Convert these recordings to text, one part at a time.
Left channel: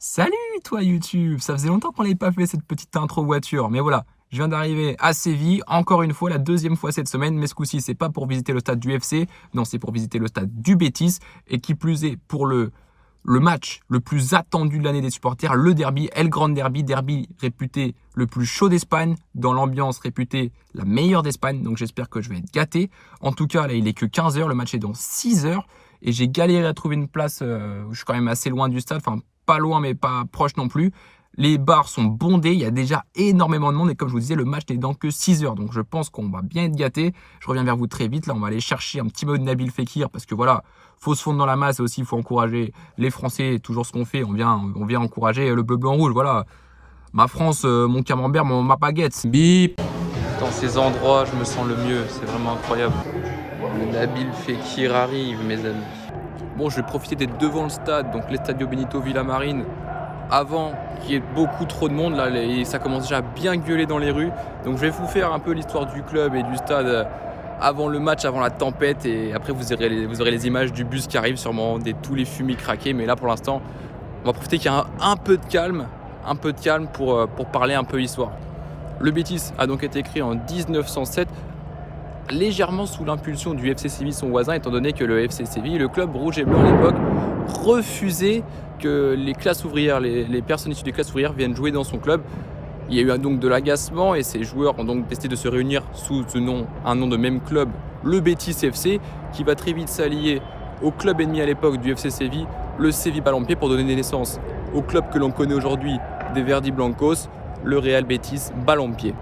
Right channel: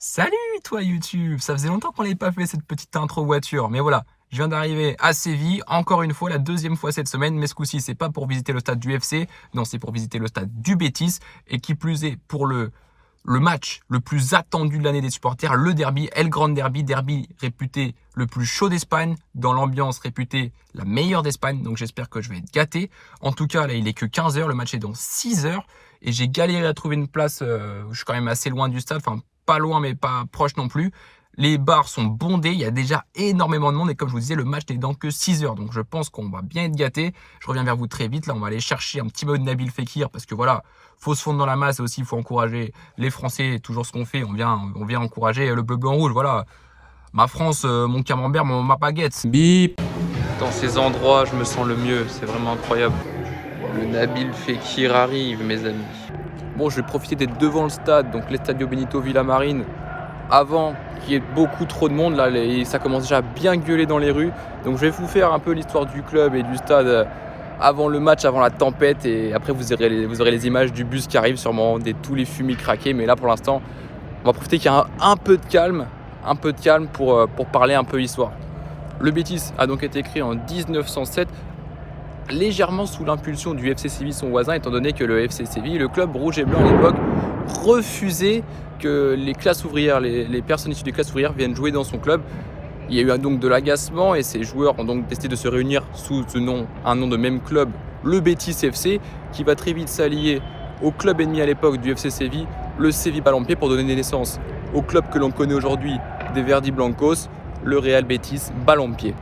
Salut toi YouTube, ça faisait longtemps qu'on n'avait pas fait cette petite intro voiture, mais voilà, je viens d'arriver à Séville, encore une fois, la deuxième fois cette semaine, mais ce coup-ci c'est pas pour visiter le stade du FC, non c'est pour visiter le stade du Betis, et qui plus est pour le match le plus attendu de l'année des supporters, le derby, El Grand Derby, derby réputé le plus chaud d'Espagne, dans l'ambiance réputée la meilleure d'Espagne, donc j'espère que je vais être gâté. En tout cas là il est que 15h, le match est dans 6h, et j'ai galéré à trouver une place, je suis quand même assez loin du stade, enfin pas loin mais pas proche non plus. Les bars sont bondés, il y a déjà énormément de monde et comme je vous disais, le match n'est dans que 6 heures. Donc je pense qu'on va bien être gâtés. Je reviens vers vous très vite. Là, on va aller chercher un petit mot de Nabil Fekir parce que voilà, faut se fondre dans la masse et aussi il faut encourager les Français. Toujours ce qu'on fait, on vient encourager le bleu, blanc, rouge. Voilà, ma France, mon camembert, ma baguette. Bip. Dans ces endroits, je me sens le mieux. C'est vraiment incroyable. Le Nabil Fekir arrive, mes amis. Bon, je vais profiter d'être devant le stade, donc l'Estadio Benito Villamarín, avant qu'il y ait beaucoup trop de monde. Là, ça commence déjà à bien gueuler dans les rues. Donc je vais vous faire un peu l'histoire du club et du stade avant le match, avant la tempête. Et après, vous aurez les images du bus qui arrive, sûrement tous les fumées craqués. Mais là, pour l'instant, on va profiter qu'il y a un peu de calme pour parler un peu histoire. Le Betis a donc été créé en 1907. Légèrement sous l'impulsion du FC Séville, son voisin, étant donné que le FC Séville, le club rouge et blanc à l'époque, refusait que les classes ouvrières, les personnes issues des classes ouvrières viennent jouer dans son club. Il y a eu donc de l'agacement et ces joueurs ont donc décidé de se réunir sous un nom de même club, le Betis FC, qui va très vite s'allier au club ennemi à l'époque du FC Séville, le Séville Balompié, pour donner naissance au club que l'on connaît aujourd'hui des Verdi Blancos, le Real Betis Balompié.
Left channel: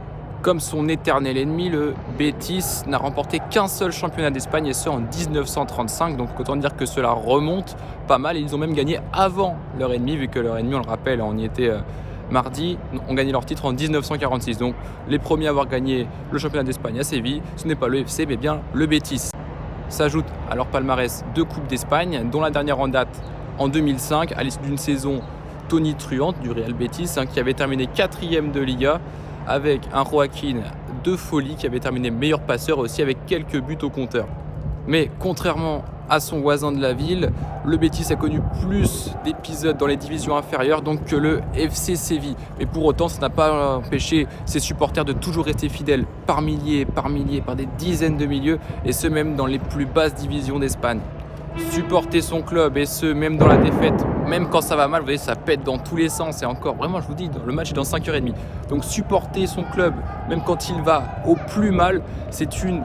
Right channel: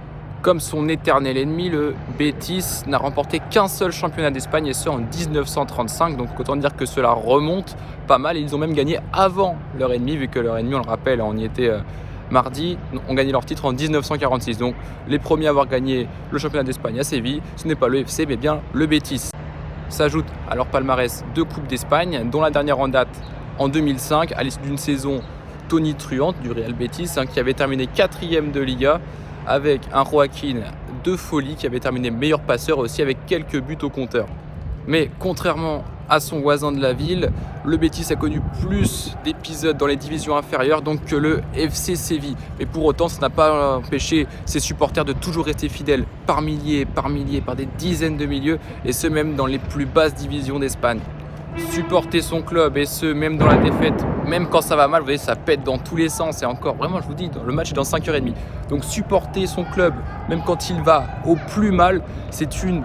Comme son éternel ennemi, le Betis n'a remporté qu'un seul championnat d'Espagne et ce en 1935. Donc autant dire que cela remonte pas mal. Et ils ont même gagné avant leur ennemi, vu que leur ennemi, on le rappelle, on y était mardi, ont gagné leur titre en 1946. Donc les premiers à avoir gagné le championnat d'Espagne à Séville, ce n'est pas le FC mais bien le Betis. S'ajoute à leur palmarès 2 Coupes d'Espagne, dont la dernière en date en 2005, à l'issue d'une saison tonitruante du Real Betis, qui avait terminé 4e de Liga, avec un Joaquín de folie qui avait terminé meilleur passeur aussi avec quelques buts au compteur. Mais contrairement à son voisin de la ville, le Betis a connu plus d'épisodes dans les divisions inférieures donc que le FC Séville. Mais pour autant, ça n'a pas empêché ses supporters de toujours rester fidèles par milliers, par des dizaines de milliers, et ce même dans les plus basses divisions d'Espagne. Supporter son club, et ce même dans la défaite, même quand ça va mal, vous voyez, ça pète dans tous les sens. Et encore, vraiment, je vous dis, le match est dans 5h30. Donc supporter son club, même quand il va au plus mal, c'est une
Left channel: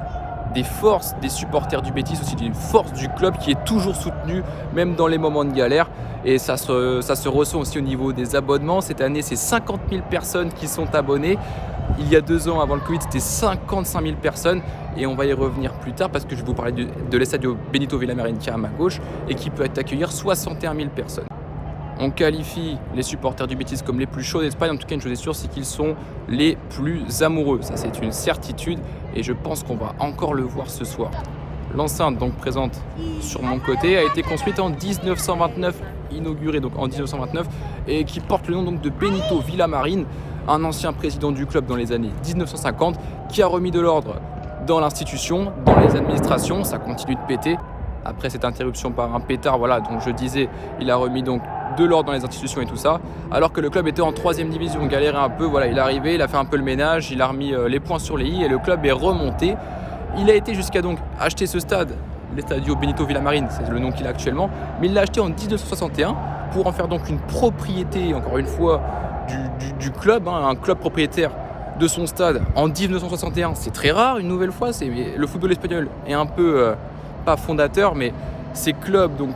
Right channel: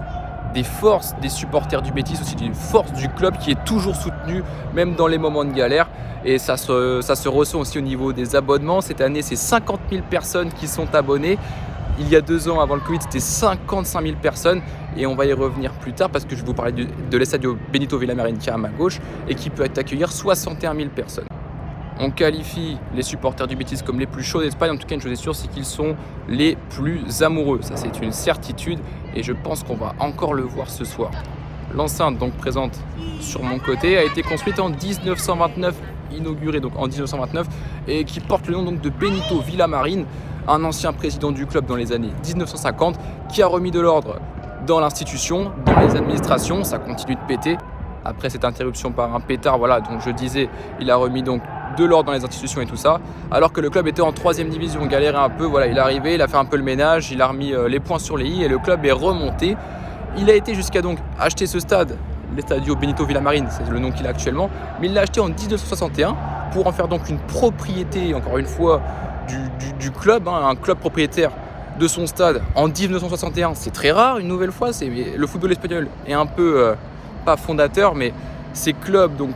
des forces des supporters du Betis, aussi une force du club qui est toujours soutenu, même dans les moments de galère. Et ça se ressent aussi au niveau des abonnements. Cette année, c'est 50 000 personnes qui sont abonnées. Il y a 2 ans, avant le Covid, c'était 55 000 personnes. Et on va y revenir plus tard parce que je vais vous parler de l'Estadio Benito Villamarín qui est à ma gauche et qui peut accueillir 61 000 personnes. On qualifie les supporters du Betis comme les plus chauds d'Espagne. En tout cas, une chose est sûre, c'est qu'ils sont les plus amoureux. Ça, c'est une certitude et je pense qu'on va encore le voir ce soir. L'enceinte, donc présente sur mon côté, a été construite en 1929, inaugurée donc en 1929, et qui porte le nom donc de Benito Villamarín, un ancien président du club dans les années 1950, qui a remis de l'ordre dans l'institution, dans les administrations. Ça continue de péter. Après cette interruption par un pétard, voilà, donc je disais, il a remis donc de l'ordre dans les institutions et tout ça, alors que le club était en 3e division, galérait un peu, voilà, il est arrivé, il a fait un peu le ménage, il a remis les points sur les i et le club est remonté. Il a été jusqu'à donc acheter ce stade, l'Estadio Benito Villamarín, c'est le nom qu'il a actuellement, mais il l'a acheté en 1961 pour en faire donc une propriété, encore une fois, du club, un club propriétaire de son stade en 1961. C'est très rare, une nouvelle fois, le football espagnol est un peu, pas fondateur, mais ces clubs, donc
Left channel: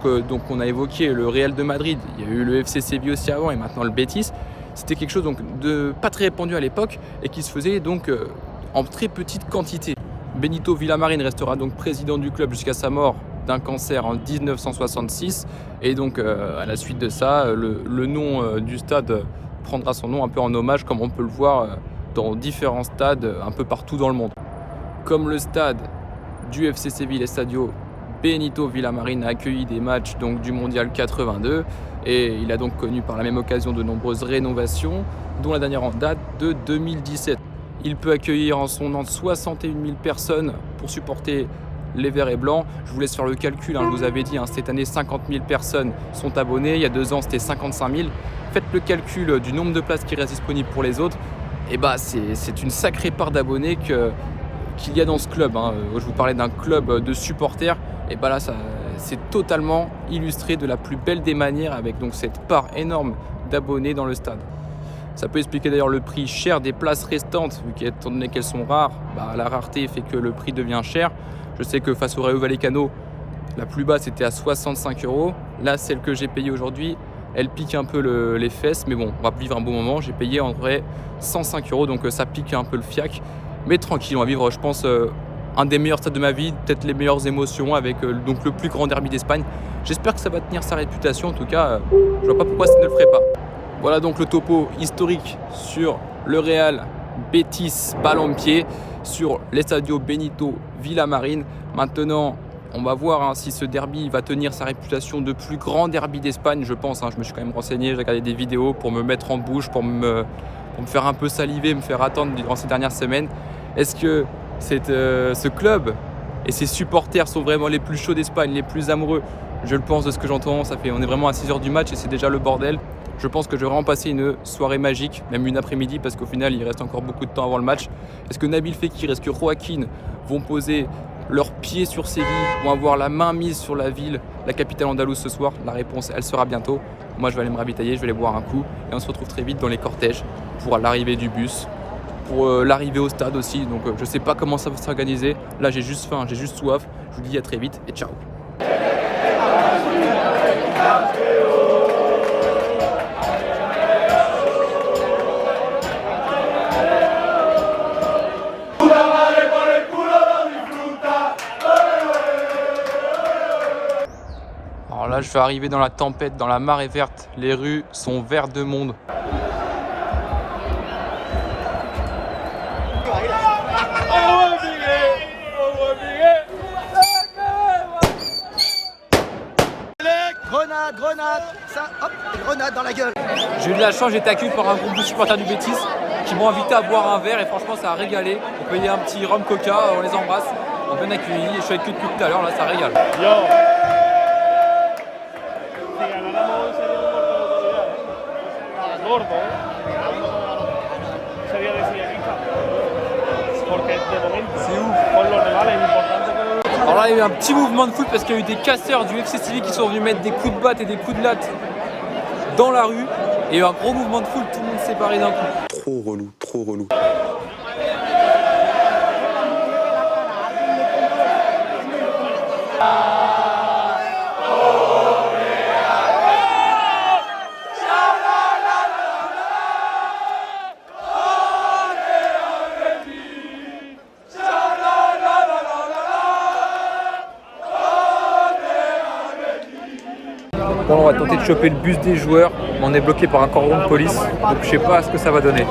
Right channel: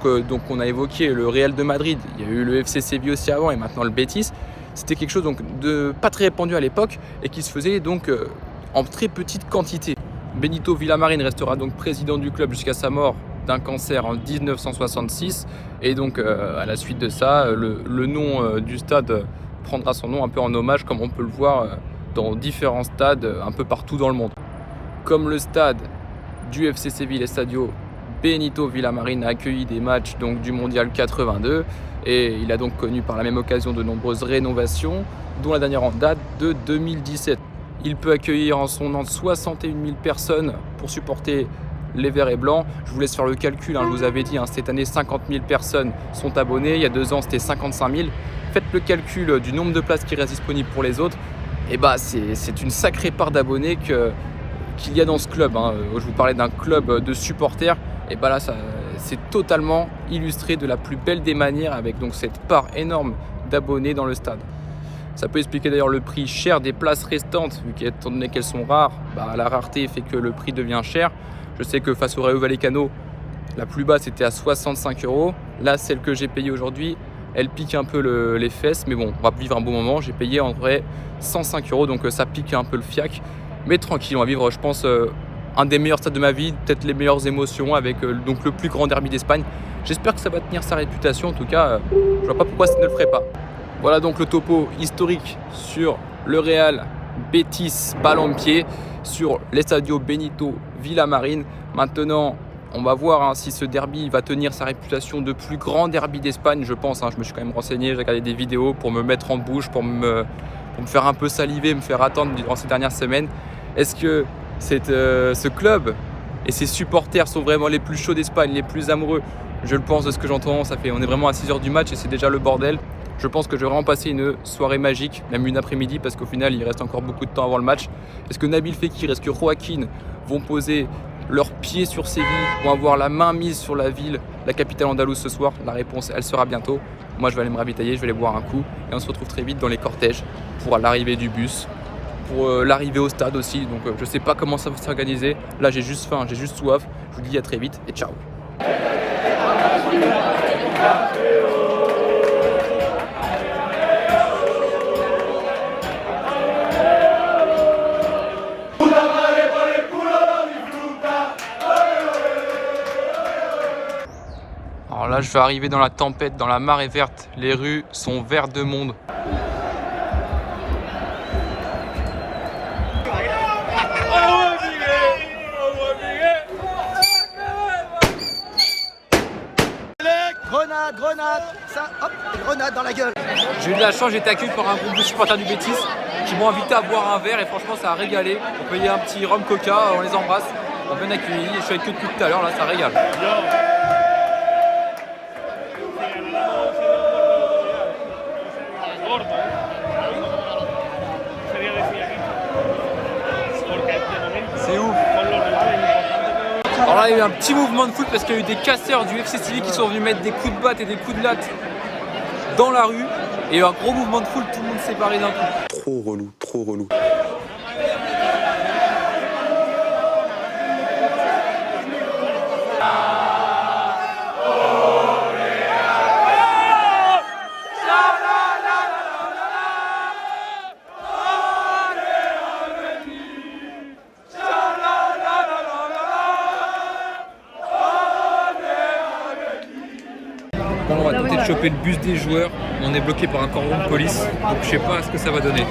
on a évoqué le Real de Madrid, il y a eu le FC Séville aussi avant et maintenant le Betis, c'était quelque chose donc de pas très répandu à l'époque et qui se faisait donc en très petite quantité. Benito Villamarín restera donc président du club jusqu'à sa mort d'un cancer en 1966 et donc à la suite de ça, le nom du stade prendra son nom un peu en hommage comme on peut le voir dans différents stades un peu partout dans le monde. Comme le stade du FC Séville, l'Estadio Benito Villamarín a accueilli des matchs donc, du Mondial 82 et il a donc connu par la même occasion de nombreuses rénovations, dont la dernière en date de 2017. Il peut accueillir en son nom 61 000 personnes pour supporter les verts et blancs. Je vous laisse faire le calcul, je vous avais dit, cette année 50 000 personnes sont abonnées, il y a 2 ans c'était 55 000. faites le calcul du nombre de places qui restent disponibles pour les autres, et bah c'est une sacrée part d'abonnés qu'il y a dans ce club. Je vous parlais d'un club de supporters, et bah là c'est totalement illustré de la plus belle des manières avec donc cette part énorme d'abonnés dans le stade. Ça peut expliquer d'ailleurs le prix cher des places restantes, vu qu'étant donné qu'elles sont rares, la rareté fait que le prix devient cher. Je sais que face au Rayo Vallecano, la plus basse était à 65 €. Là, celle que j'ai payée aujourd'hui, elle pique un peu les fesses, mais bon, on va vivre un bon moment. J'ai payé en vrai 105 €, donc ça pique un peu le fiac. Mais tranquille, on va vivre, je pense, un des meilleurs stades de ma vie, peut-être les meilleures émotions avec donc le plus grand derby d'Espagne. J'espère que ça va tenir sa réputation. En tout cas, je vois pas pourquoi ça ne le ferait pas. Voilà donc le topo historique sur le Real Betis Balompié, sur l'Estadio Benito Villamarín. Maintenant, on va voir si ce derby va tenir sa réputation de plus grand derby d'Espagne, je pense. Je me suis quand même renseigné, j'ai regardé des vidéos pour me mettre en bouche, pour me faire un peu saliver, me faire attendre durant ces dernières semaines. Est-ce que ce club et ses supporters sont vraiment les plus chauds d'Espagne, les plus amoureux? Je le pense de ce que j'entends. On est vraiment à 6 h du match et c'est déjà le bordel. Je pense que je vais vraiment passer une soirée magique, même une après-midi, parce qu'au final, il reste encore beaucoup de temps avant le match. Est-ce que Nabil Fekir, est-ce que Joaquin vont poser leurs pieds sur Séville, vont avoir la main mise sur la ville, la capitale andalouse ce soir? La réponse, elle sera bientôt. Moi, je vais aller me ravitailler, je vais aller boire un coup. Et on se retrouve très vite dans les cortèges pour l'arrivée du bus, pour l'arrivée au stade aussi. Donc, je ne sais pas comment ça va s'organiser. Là, j'ai juste faim, j'ai juste soif. Je vous dis à très vite et ciao. Alors là, je vais arriver dans la tempête, dans la marée verte. Les rues sont vertes de monde. Grenade, ça, hop, grenade dans la gueule. J'ai eu de la chance, j'ai été accueilli par un groupe de supporters du Betis qui m'ont invité à boire un verre et franchement ça a régalé. On payait un petit rhum coca, on les embrasse, on bien accueillis. Je suis avec eux depuis tout à l'heure, là ça régale. C'est ouf. Alors là il y a eu un petit mouvement de foot parce qu'il y a eu des casseurs du FC Séville qui sont venus mettre des coups de batte et des coups de latte dans la rue. Et il y a eu un gros mouvement de foule, tout le monde s'est barré d'un coup. Trop relou, trop relou. Là, on va tenter de choper le bus des joueurs, mais on est bloqué par un cordon de police, donc je sais pas ce que ça va donner.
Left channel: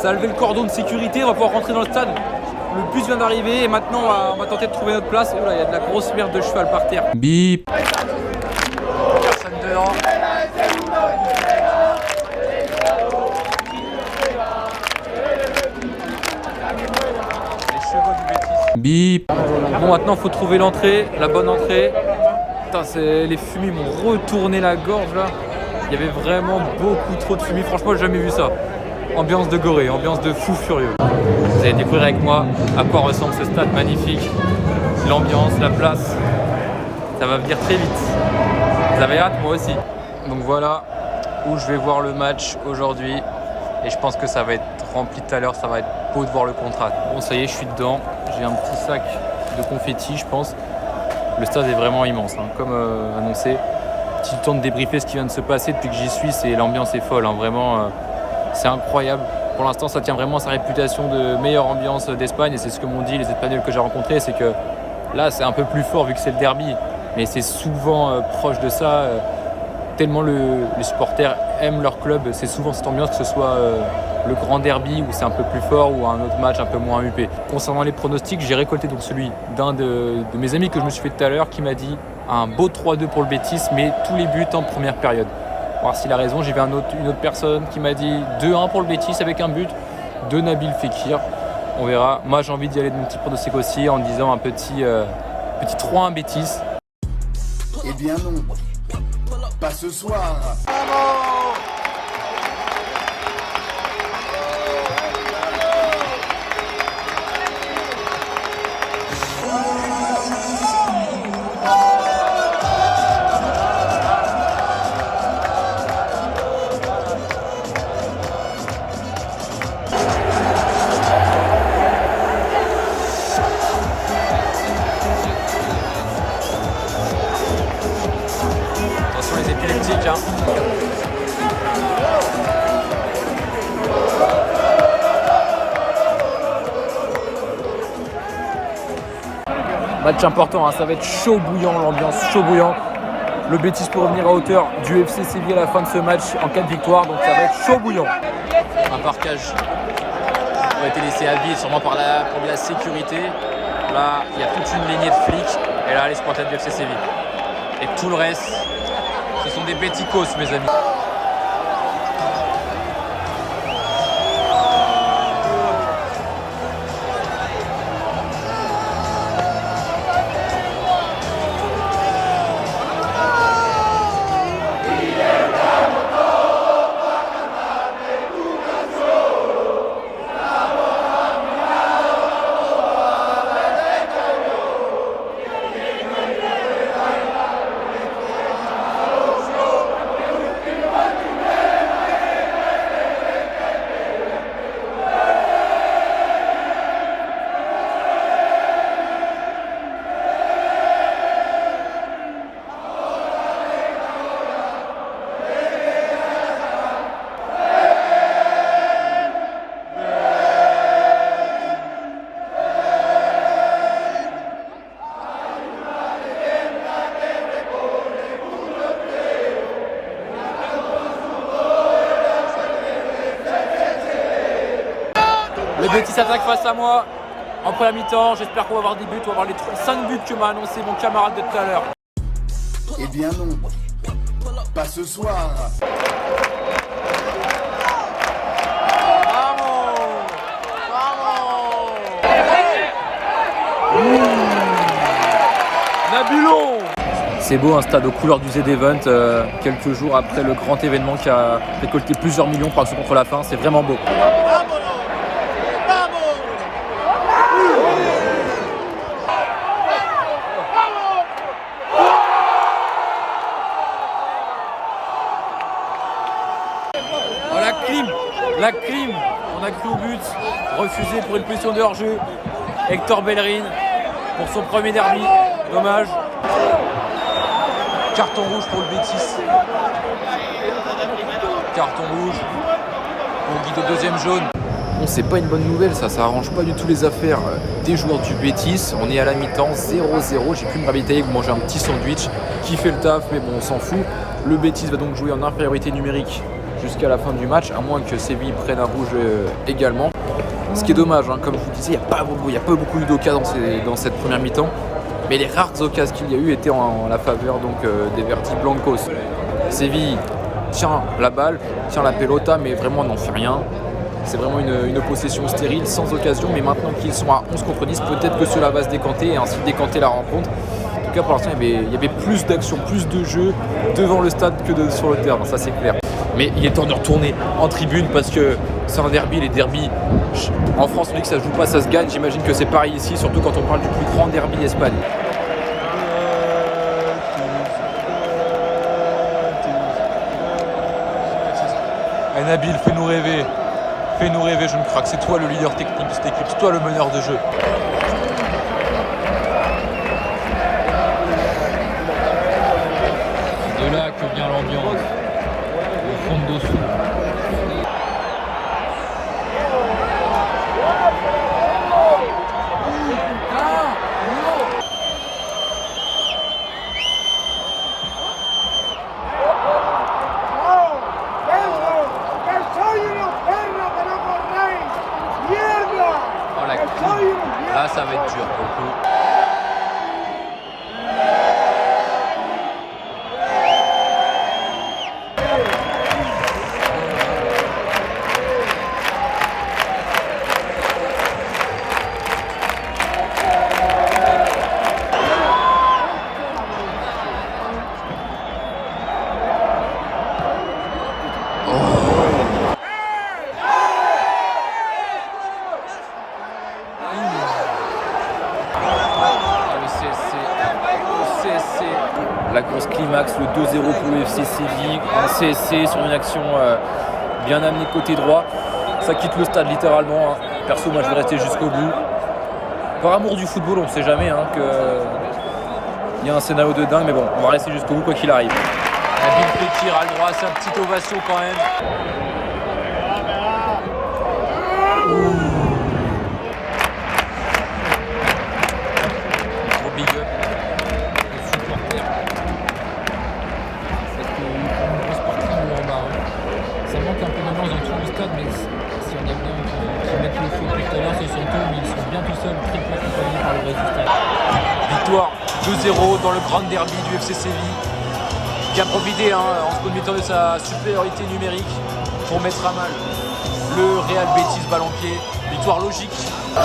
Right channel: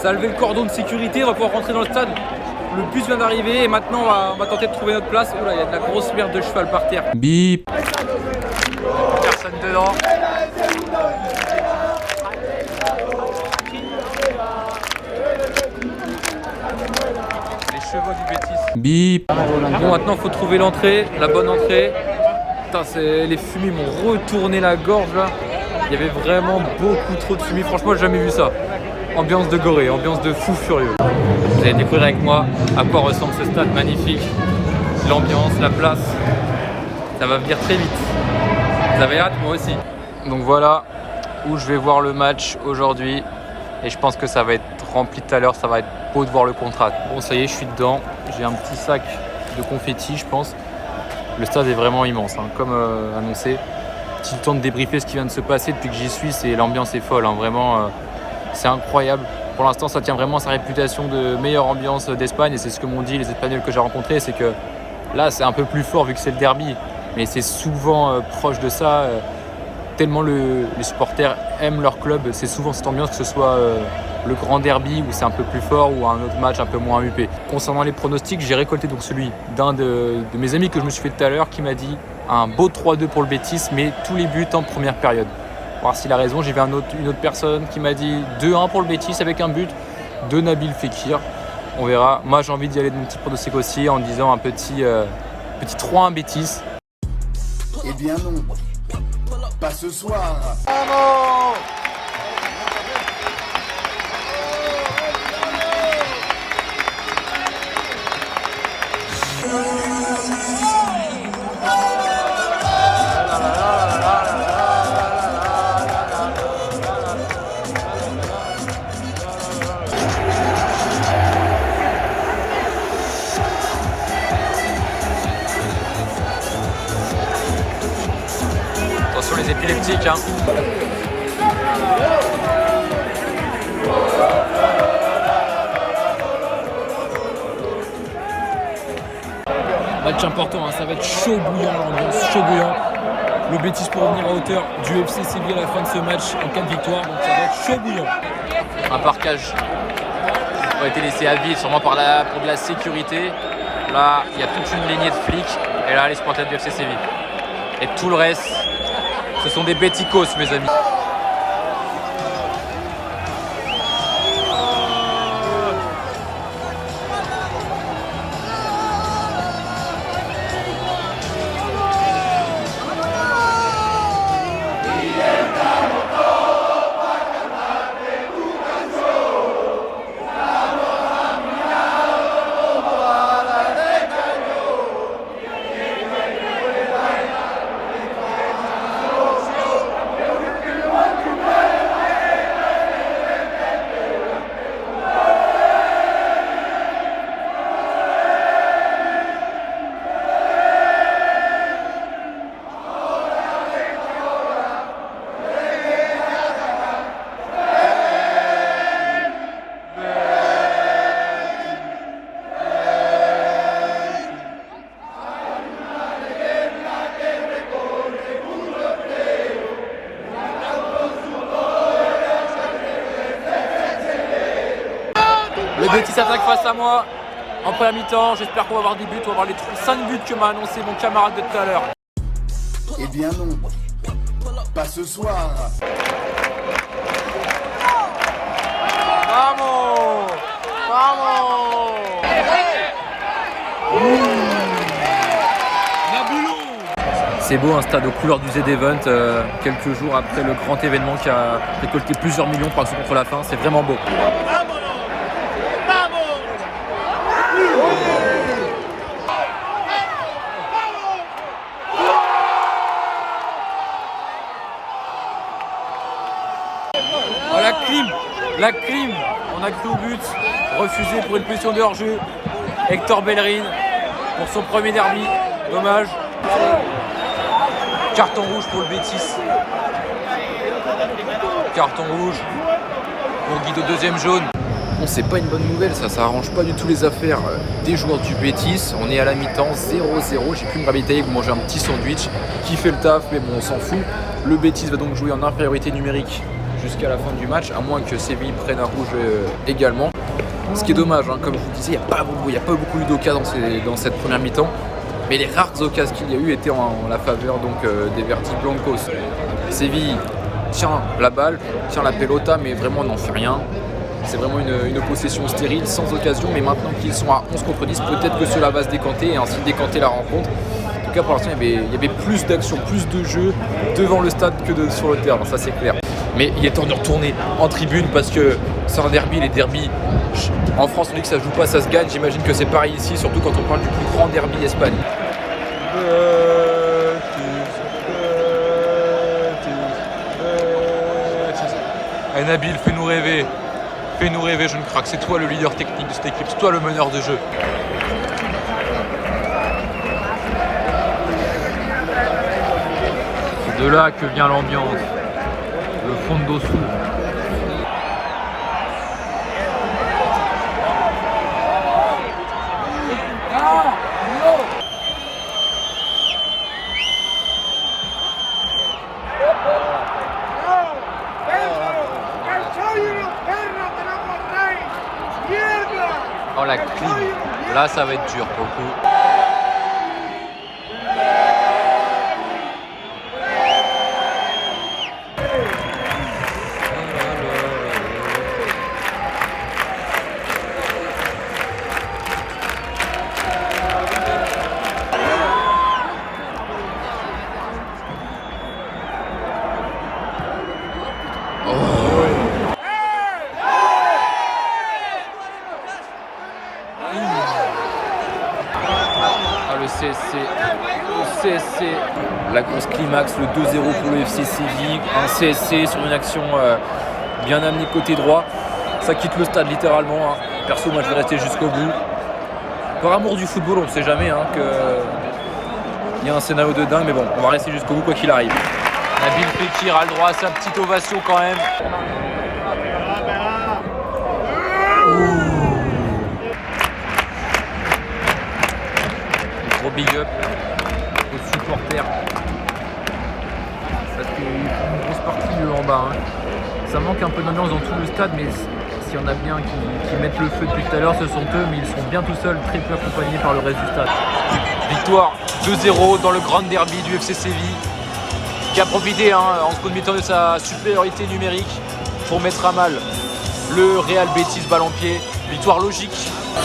Ça a levé le cordon de sécurité, on va pouvoir rentrer dans le stade. Le bus vient d'arriver et maintenant on va tenter de trouver notre place. Oula, il y a de la grosse merde de cheval par terre. Bip. Personne dedans. Les chevaux du Betis. Bip. Bon, maintenant il faut trouver l'entrée, la bonne entrée. Putain, les fumées m'ont retourné la gorge là. Il y avait vraiment beaucoup trop de fumée. Franchement, j'ai jamais vu ça. Ambiance de Gorée, ambiance de fou furieux. Vous allez découvrir avec moi à quoi ressemble ce stade magnifique. L'ambiance, la place. Ça va venir très vite. Vous avez hâte, moi aussi. Donc voilà où je vais voir le match aujourd'hui. Et je pense que ça va être rempli tout à l'heure. Ça va être beau de voir le contrat. Bon, ça y est, je suis dedans. J'ai un petit sac de confetti, je pense. Le stade est vraiment immense, hein, comme annoncé. J'ai le temps de débriefer ce qui vient de se passer depuis que j'y suis. L'ambiance est folle, hein, vraiment. C'est incroyable. Pour l'instant, ça tient vraiment sa réputation de meilleure ambiance d'Espagne. Et c'est ce que m'ont dit les Espagnols que j'ai rencontrés. C'est que là, c'est un peu plus fort vu que c'est le derby. Mais c'est souvent proche de ça. Tellement les supporters aiment leur club. C'est souvent cette ambiance, que ce soit le grand derby où c'est un peu plus fort ou un autre match un peu moins huppé. Concernant les pronostics, j'ai récolté donc celui d'un de mes amis que je me suis fait tout à l'heure qui m'a dit un beau 3-2 pour le Betis, mais tous les buts en première période. Voir s'il a raison. J'ai vu une autre personne qui m'a dit 2-1 pour le Betis avec un but de Nabil Fekir. On verra. Moi, j'ai envie d'y aller de mon petit pronostic aussi en disant un petit 3-1 Betis. Eh bien non, pas ce soir. Attention les épileptiques, hein. Match important, hein. Ça va être chaud bouillant, l'ambiance chaud bouillant. Le Betis pour revenir à hauteur du FC Séville à la fin de ce match en cas de victoire, donc ça va être chaud bouillant. Un parquage a été laissé à vide, sûrement pour de la sécurité. Là, il y a toute une lignée de flics et là, les supporters du FC Séville. Et tout le reste, ce sont des Beticos, mes amis. Le Betis attaque face à moi en première mi-temps. J'espère qu'on va avoir des buts. On va avoir les 5 buts que m'a annoncé mon camarade de tout à l'heure. Eh bien non, pas ce soir. Vamos! Vamos! Nabilo! C'est beau, un stade aux couleurs du Z-Event, quelques jours après le grand événement qui a récolté plusieurs millions pour Action contre la faim. C'est vraiment beau. Oh, la clim, on a cru au but, refusé pour une position de hors-jeu. Hector Bellerin pour son premier derby, dommage. Carton rouge pour le Betis. Carton rouge pour Guido, deuxième jaune. Bon, c'est pas une bonne nouvelle, ça arrange pas du tout les affaires des joueurs du Betis. On est à la mi-temps, 0-0. J'ai pu me ravitailler pour manger un petit sandwich qui fait le taf, mais bon, on s'en fout. Le Betis va donc jouer en infériorité numérique jusqu'à la fin du match, à moins que Séville prenne un rouge également. Ce qui est dommage, hein, comme je vous disais, il n'y a pas beaucoup eu d'occasions dans cette première mi-temps. Mais les rares occasions qu'il y a eu étaient en la faveur donc, des Verdi Blancos. Séville tient la balle, tient la pelota, mais vraiment n'en fait rien. C'est vraiment une possession stérile, sans occasion. Mais maintenant qu'ils sont à 11 contre 10, peut-être que cela va se décanter et ainsi décanter la rencontre. En tout cas, pour l'instant, il y avait plus d'action, plus de jeu devant le stade que sur le terrain, ça c'est clair. Mais il est temps de retourner en tribune parce que c'est un derby. Les derbys, en France, on dit que ça se joue pas, ça se gagne. J'imagine que c'est pareil ici, surtout quand on parle du plus grand derby Espagne. Hey Nabil, fais-nous rêver. Fais-nous rêver, jeune crack. C'est toi le leader technique de cette équipe, c'est toi le meneur de jeu. C'est de là que vient l'ambiance, le fondo sous. Oh la clim, là ça va être dur pour le coup. Le CSC. La grosse climax, le 2-0 pour le FC Séville, un CSC sur une action bien amenée côté droit. Ça quitte le stade littéralement. Hein. Perso, moi je vais rester jusqu'au bout. Par amour du football, on ne sait jamais qu'il y a un scénario de dingue, mais bon, on va rester jusqu'au bout quoi qu'il arrive. Nabil Fekir a le droit à sa petite ovation quand même. Gros big up aux supporters. Ça c'est une grosse partie de en bas. Hein. Ça manque un peu d'ambiance dans tout le stade, mais s'il y en a bien qui mettent le feu depuis tout à l'heure, ce sont eux, mais ils sont bien tout seuls, très peu accompagnés par le reste du stade. Victoire 2-0 dans le grand derby du FC Séville, qui a profité en seconde mi-temps de sa supériorité numérique pour mettre à mal le Real Betis Ballon-Pied. Victoire logique. Il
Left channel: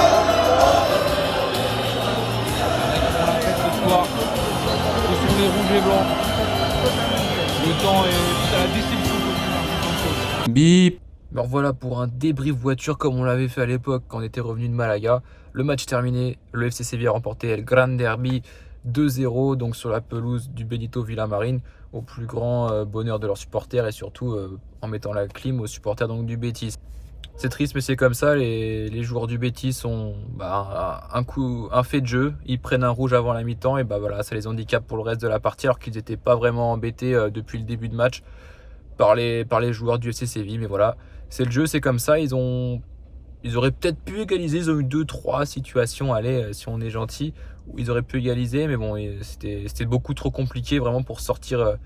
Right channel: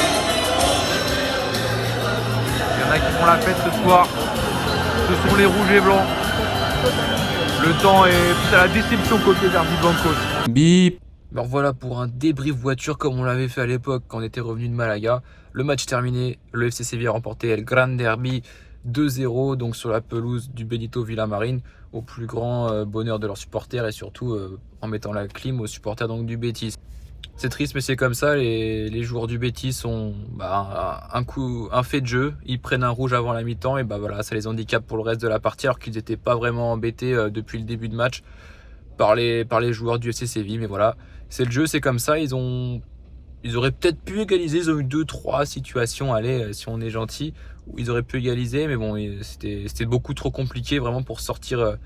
y en a qui font la fête ce soir. Ce sont les rouges et blancs. Le temps est à la déception côté Verdi Blancos. Bip. Alors voilà pour un débrief voiture comme on l'avait fait à l'époque quand on était revenu de Malaga. Le match terminé, le FC Séville a remporté le Grand Derby 2-0 donc sur la pelouse du Benito Villamarín au plus grand bonheur de leurs supporters et surtout en mettant la clim aux supporters donc du Betis. C'est triste mais c'est comme ça, les joueurs du Betis ont un fait de jeu, ils prennent un rouge avant la mi-temps et voilà, ça les handicape pour le reste de la partie alors qu'ils n'étaient pas vraiment embêtés depuis le début de match par les joueurs du FC Séville. Mais voilà, c'est le jeu, c'est comme ça, ils auraient peut-être pu égaliser, ils ont eu 2-3 situations, allez, si on est gentil, où ils auraient pu égaliser, mais bon, c'était beaucoup trop compliqué vraiment pour sortir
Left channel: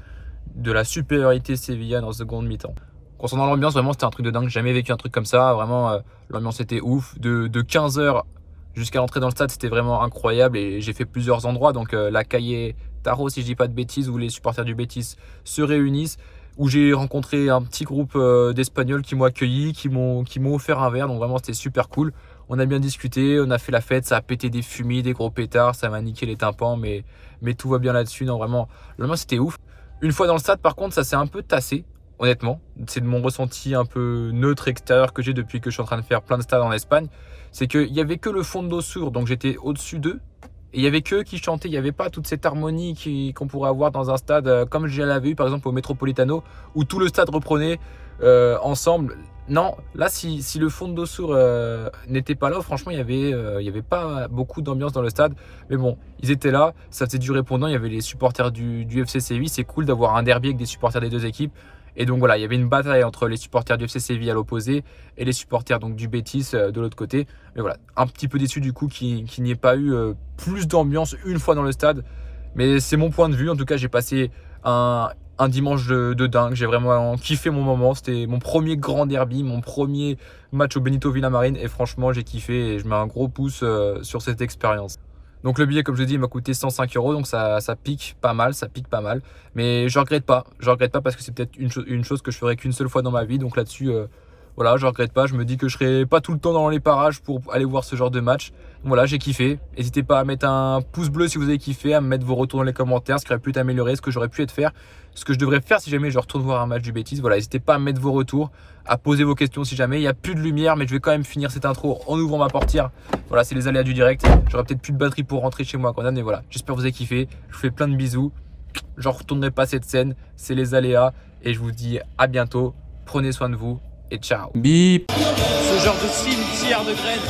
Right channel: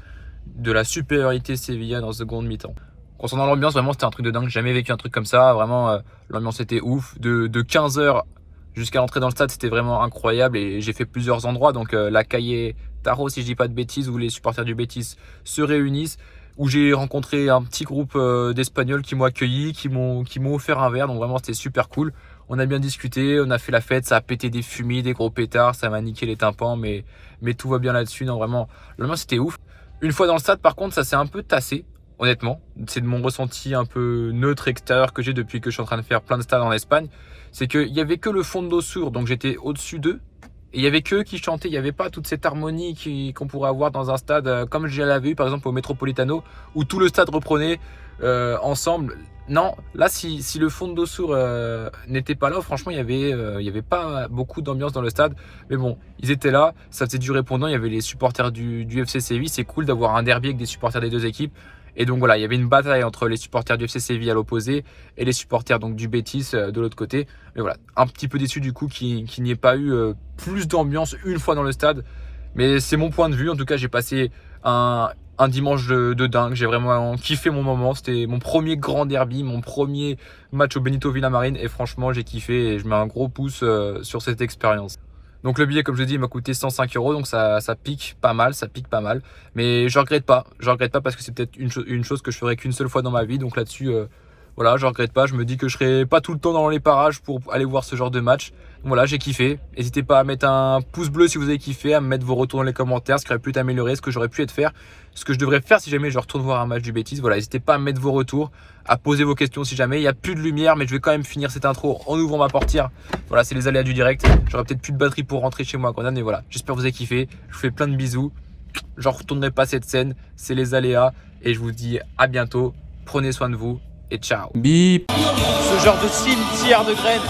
de la supériorité sévillane en seconde mi-temps. Concernant l'ambiance, vraiment c'était un truc de dingue, j'ai jamais vécu un truc comme ça, vraiment l'ambiance était ouf, de 15h jusqu'à l'entrée dans le stade c'était vraiment incroyable et j'ai fait plusieurs endroits, donc la Calle Taro si je dis pas de bêtises, où les supporters du Betis se réunissent, où j'ai rencontré un petit groupe d'Espagnols qui m'ont accueilli, qui m'ont offert un verre, donc vraiment c'était super cool. On a bien discuté, on a fait la fête, ça a pété des fumées, des gros pétards, ça m'a niqué les tympans, mais tout va bien là-dessus, non vraiment, l'ambiance c'était ouf. Une fois dans le stade par contre ça s'est un peu tassé, honnêtement, c'est de mon ressenti un peu neutre extérieur que j'ai depuis que je suis en train de faire plein de stades en Espagne, c'est qu'il n'y avait que le fondo sur, donc j'étais au-dessus d'eux, et il n'y avait qu'eux qui chantaient, il n'y avait pas toute cette harmonie qu'on pourrait avoir dans un stade comme je l'avais eu par exemple au Metropolitano, où tout le stade reprenait ensemble. Non, là si le fondo sur n'était pas là, franchement il y avait pas beaucoup d'ambiance dans le stade, mais bon, ils étaient là, ça faisait du répondant, il y avait les supporters du FC Séville, c'est cool d'avoir un derby avec des supporters des deux équipes. Et donc voilà, il y avait une bataille entre les supporters du FC Séville à l'opposé et les supporters donc du Betis de l'autre côté. Mais voilà, un petit peu déçu du coup qu'il n'y ait pas eu plus d'ambiance une fois dans le stade. Mais c'est mon point de vue. En tout cas, j'ai passé un un dimanche de dingue. J'ai vraiment kiffé mon moment. C'était mon premier grand derby, mon premier match au Benito Villamarín. Et franchement, j'ai kiffé et je mets un gros pouce sur cette expérience. Donc le billet, comme je dis, m'a coûté 105 €. Donc ça pique pas mal, Mais je regrette pas. Je regrette pas parce que c'est peut-être une chose que je ferai qu'une seule fois dans ma vie. Donc là-dessus, voilà, je regrette pas. Je me dis que je serai pas tout le temps dans les parages pour aller voir ce genre de match. Donc voilà, j'ai kiffé. N'hésitez pas à mettre un pouce bleu si vous avez kiffé, à me mettre vos retours dans les commentaires, ce qui aurait pu être amélioré, ce que j'aurais pu faire, ce que je devrais faire si jamais je retourne voir un match du Betis. Voilà, n'hésitez pas à mettre vos retours, à poser vos questions si jamais. Il n'y a plus de lumière, mais je vais quand même finir cette intro en ouvrant ma portière. Voilà, c'est les aléas du direct. J'aurai peut-être plus de batterie pour rentrer chez moi quand même, mais voilà, j'espère que vous avez kiffé. Je vous fais plein de bisous. J'en retournerai pas cette scène, c'est les aléas. Et je vous dis à bientôt. Prenez soin de vous et ciao. Ce genre de cimetière de graines.